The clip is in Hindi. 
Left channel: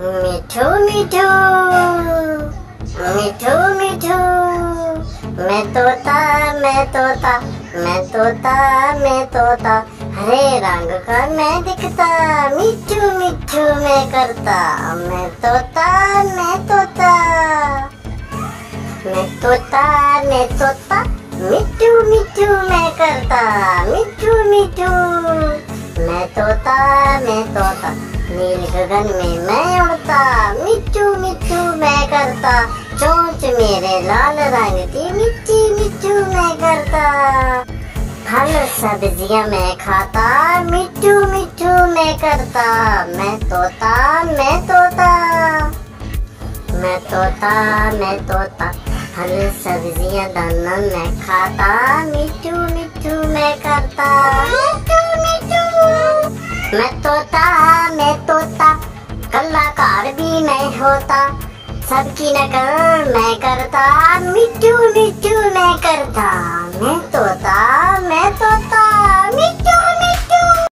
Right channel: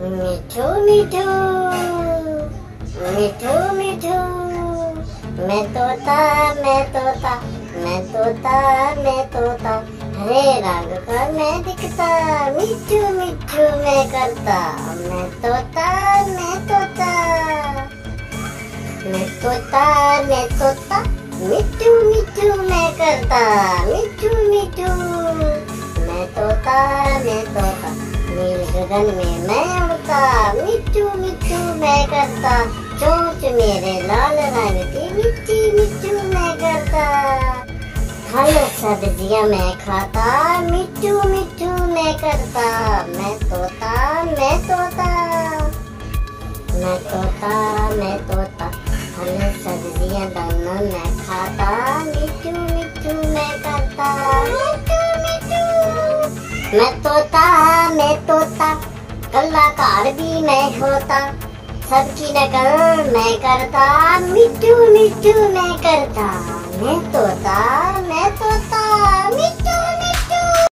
मिठू मिठू मिठू मिठू, मैं तोता मैं तोता मैं तोता मैं तोता, हरे रंग का मैं दिखता, मिठू मिठू मैं करता, मैं तोता मैं तोता मैं तोता मैं तोता, मिठू मिठू मैं करता, मिठू मिठू मैं तोता मैं तोता, नील गगन में मैं उड़ता, मिठू मिठू मैं करता, चोंच मेरे लाल रंग की, मिठी मिठू मैं करता, फल सब्जियां मैं खाता, मिठू मिठू मैं करता, मैं तोता मैं तोता मैं तोता मैं तोता, फल सब्जियां दाना मैं खाता, मिठू मिठू मैं करता, मिठू मिठू मैं तोता कलाकार भी मैं होता, सबकी नकल मैं करता, मिठू मिठू मैं करता, मैं तोता